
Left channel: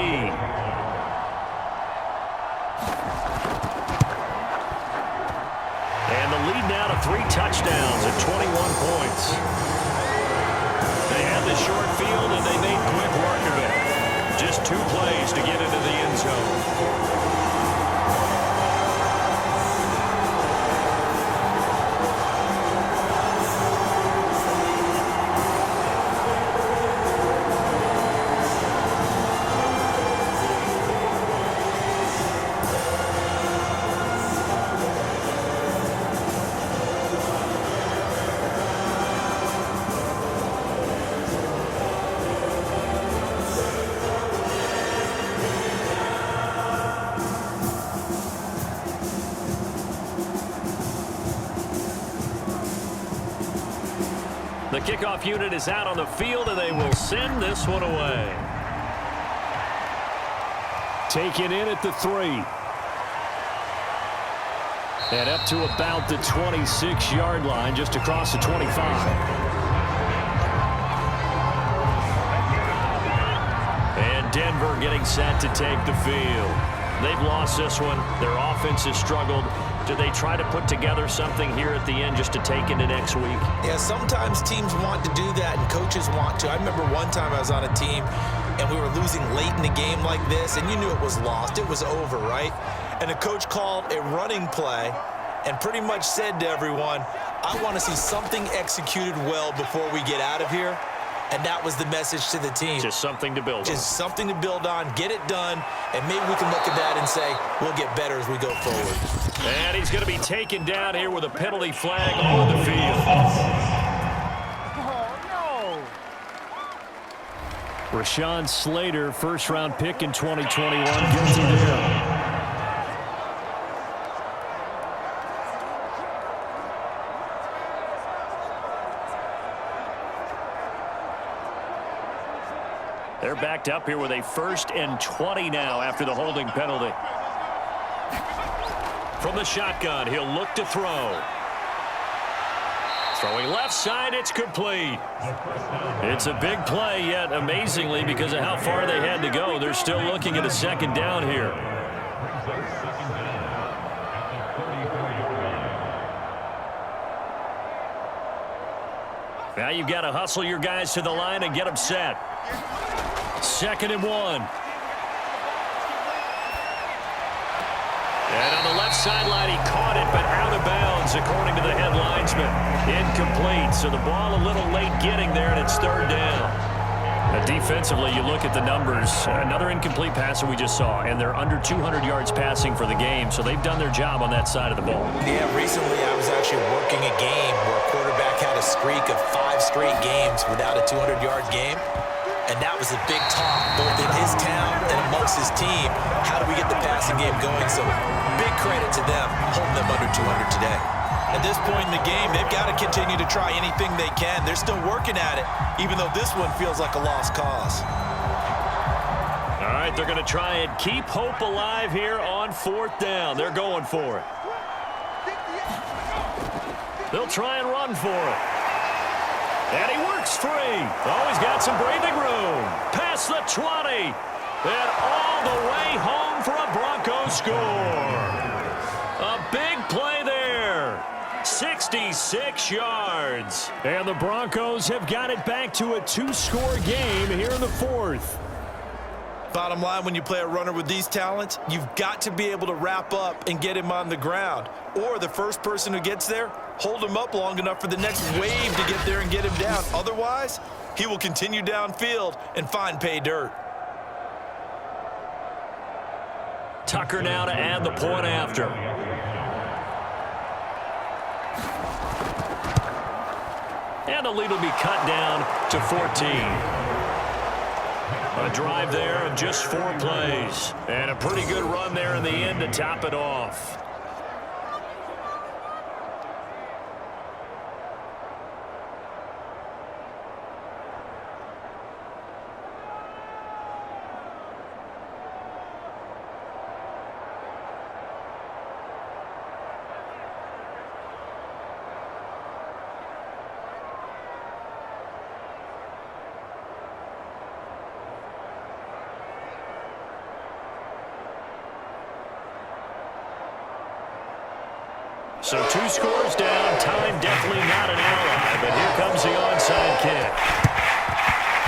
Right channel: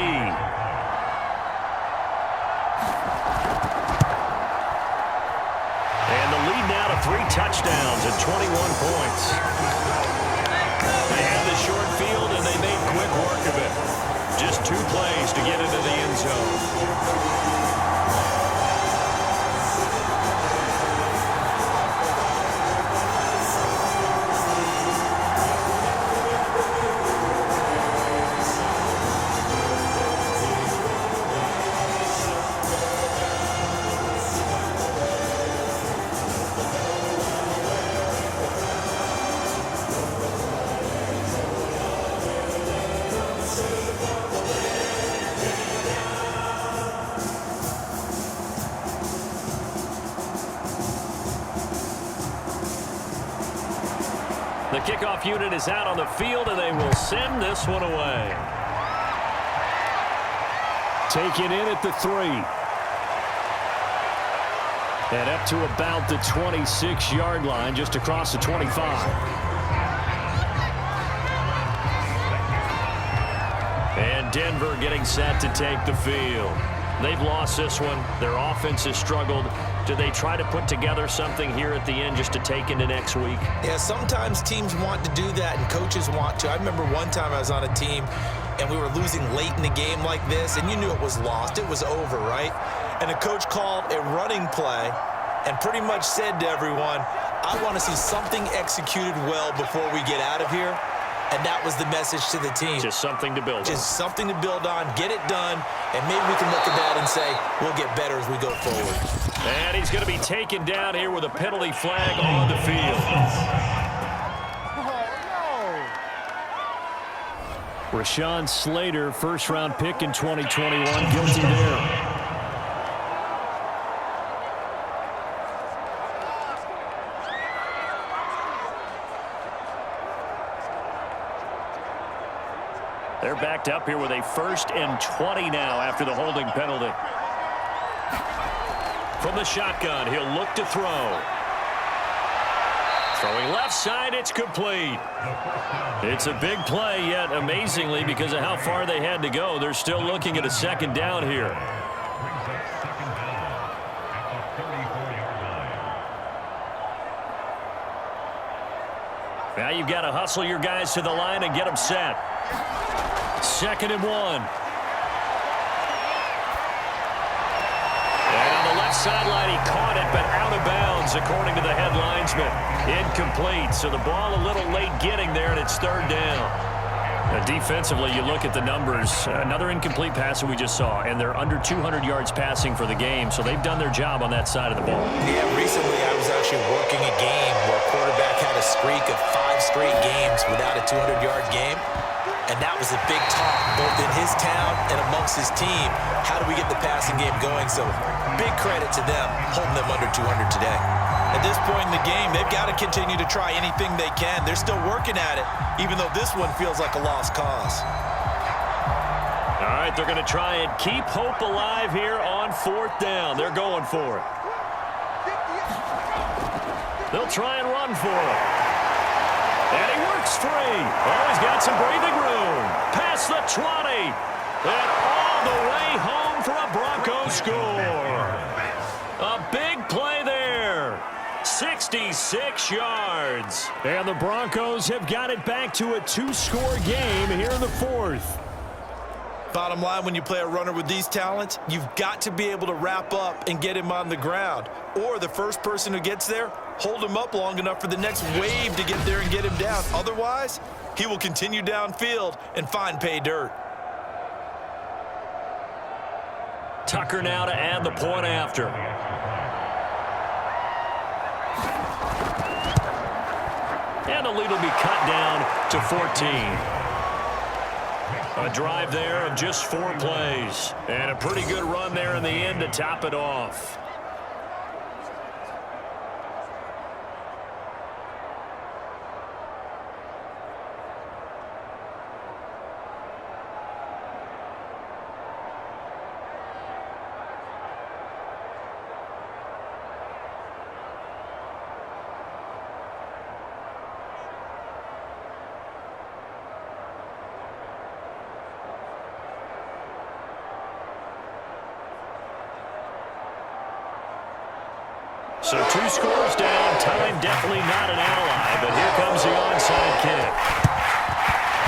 And the lead now to 3 touchdowns and 21 points. They had the short field, and they made quick work of it. Just 2 plays to get into the end zone. The kickoff unit is out on the field, and they will send this one away. taken in at the 3. And up to about the 26-yard line, just across the 25. And Denver getting set to take the field. They've lost this one. Their offense has struggled. Do they try to put together something here at the end just to take into next week? Yeah, sometimes teams want to do that and coaches want to. I remember one time I was on a team and we were losing late in the game like this, and you knew it was lost. It was over, right? And the coach called a running play and pretty much said to everyone, I want to see something executed well before we get out of here. And that was the message to the team. Just something to build on. Just something to build on, get it done, and maybe we can look at that and say, we'll get better as we go forward. And he's going to be taken down here with a penalty flag on the field. Rashawn Slater, first-round pick in 2021, guilty there. They're backed up here with a 1st and 20 now after the holding penalty. From the shotgun, he'll look to throw. Throwing left side, it's complete. It's a big play, yet amazingly, because of how far they had to go, they're still looking at a 2nd down here. Brings up 2nd down at the 34-yard line. Now you've got to hustle your guys to the line and get them set. 2nd and 1. And on the left sideline, he caught it, but out of bounds, according to the head linesman. Incomplete, so the ball a little late getting there, and it's 3rd down. Defensively, you look at the numbers. Another incomplete pass that we just saw, and they're under 200 yards passing for the game, so they've done their job on that side of the ball. Yeah, recently I was actually working a game where a quarterback had a streak of 5 straight games without a 200-yard game, and that was a big talk, both in his town and amongst his team. How do we get the passing game going? So big credit to them holding them under 200 today. At this point in the game, they've got to continue to try anything they can. They're still working at it, even though this one feels like a lost cause. All right, they're going to try and keep hope alive here on 4th down. They're going for it. They'll try and run for it. And he works free. Oh, he's got some breathing room. Past the 20. And all the way home for a Broncos score. A big play there. 66 yards. And the Broncos have got it back to a 2-score game here in the 4th. Bottom line, when you play a runner with these talents, you've got to be able to wrap up and get him on the ground. Or the first person who gets there, hold him up long enough for the next wave to get there and get him down. Otherwise, he will continue downfield and find pay dirt. Tucker now to add the point after. And the lead will be cut down to 14. A drive there of just 4 plays. And a pretty good run there in the end to top it off. So 2 scores down, time definitely not an ally, but here comes the onside kick.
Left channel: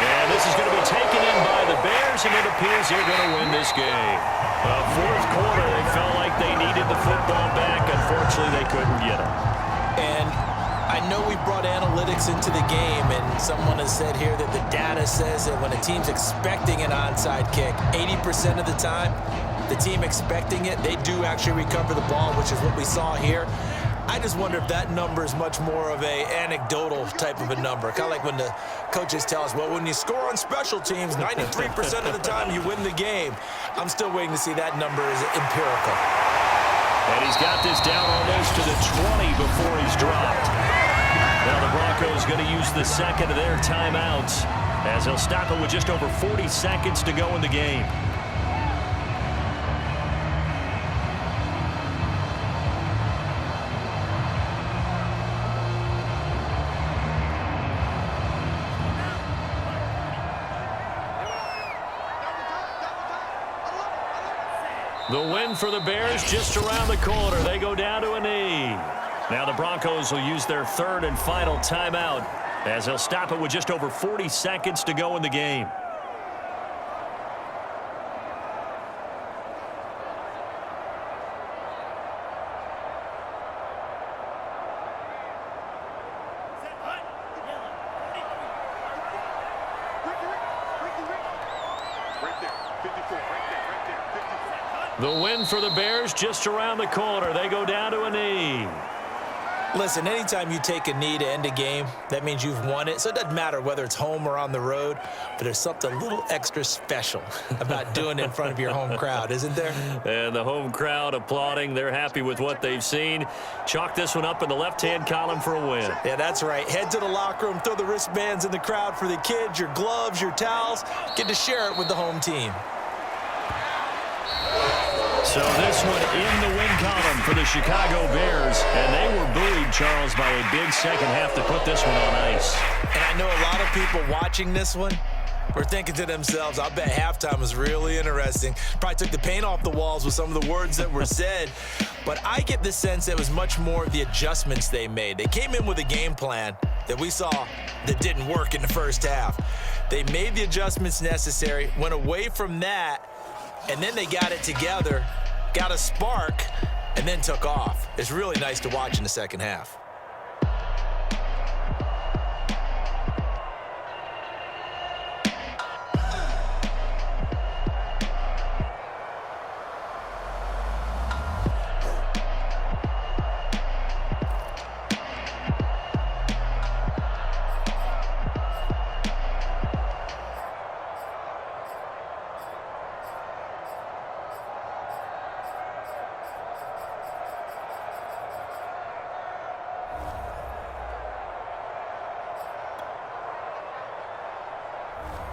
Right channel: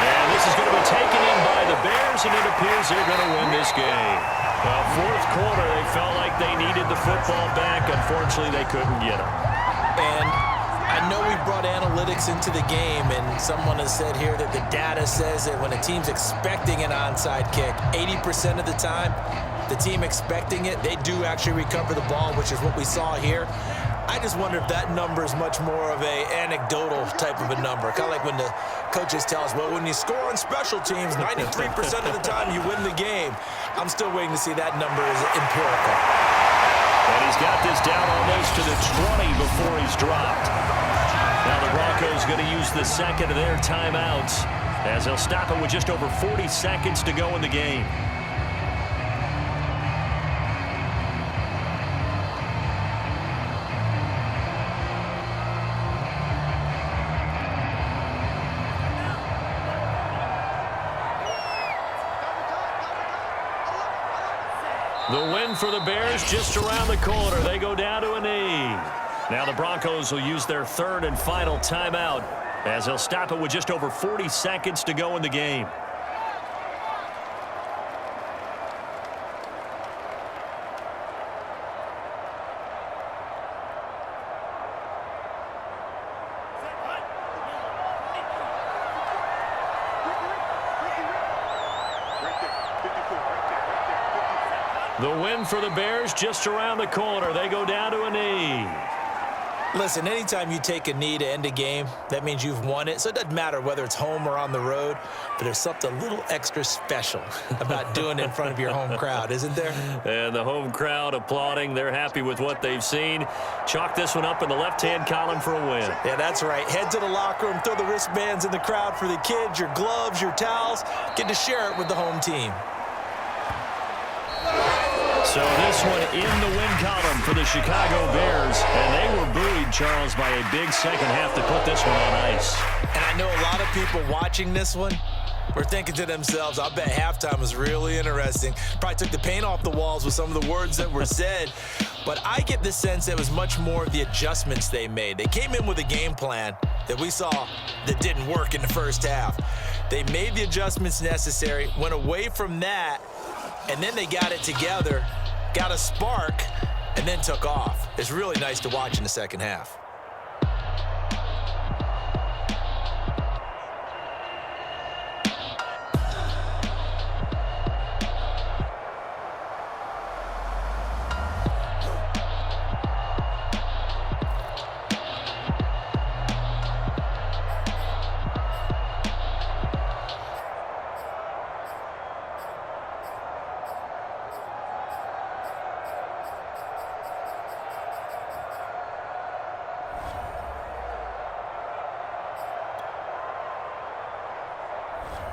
And this is going to be taken in by the Bears, and it appears they're going to win this game. Well, 4th quarter, they felt like they needed the football back. Unfortunately, they couldn't get it. And I know we brought analytics into the game, and someone has said here that the data says that when a team's expecting an onside kick, 80% of the time, the team expecting it, they do actually recover the ball, which is what we saw here. I just wonder if that number is much more of a anecdotal type of a number. Kind of like when the coaches tell us, well, when you score on special teams, 93% of the time you win the game. I'm still waiting to see that number is empirical. And he's got this down almost to the 20 before he's dropped. Now the Broncos going to use the second of their timeouts as they'll stop it with just over 40 seconds to go in the game. The win for the Bears just around the corner. They go down to a knee. Now the Broncos will use their 3rd and final timeout as they'll stop it with just over 40 seconds to go in the game. The win for the Bears just around the corner. They go down to a knee. Listen, anytime you take a knee to end a game, that means you've won it. So it doesn't matter whether it's home or on the road, but there's something a little extra special about doing it in front of your home crowd, isn't there? And the home crowd applauding. They're happy with what they've seen. Chalk this one up in the left-hand column for a win. Yeah, that's right. Head to the locker room, throw the wristbands in the crowd for the kids, your gloves, your towels. Get to share it with the home team. So this one in the win column for the Chicago Bears. And they were buoyed, Charles, by a big second half to put this one on ice. And I know a lot of people watching this one were thinking to themselves, I bet halftime was really interesting. Probably took the paint off the walls with some of the words that were said. But I get the sense it was much more of the adjustments they made. They came in with a game plan that we saw that didn't work in the first half. They made the adjustments necessary, went away from that, and then they got it together, got a spark, and then took off. It's really nice to watch in the second half.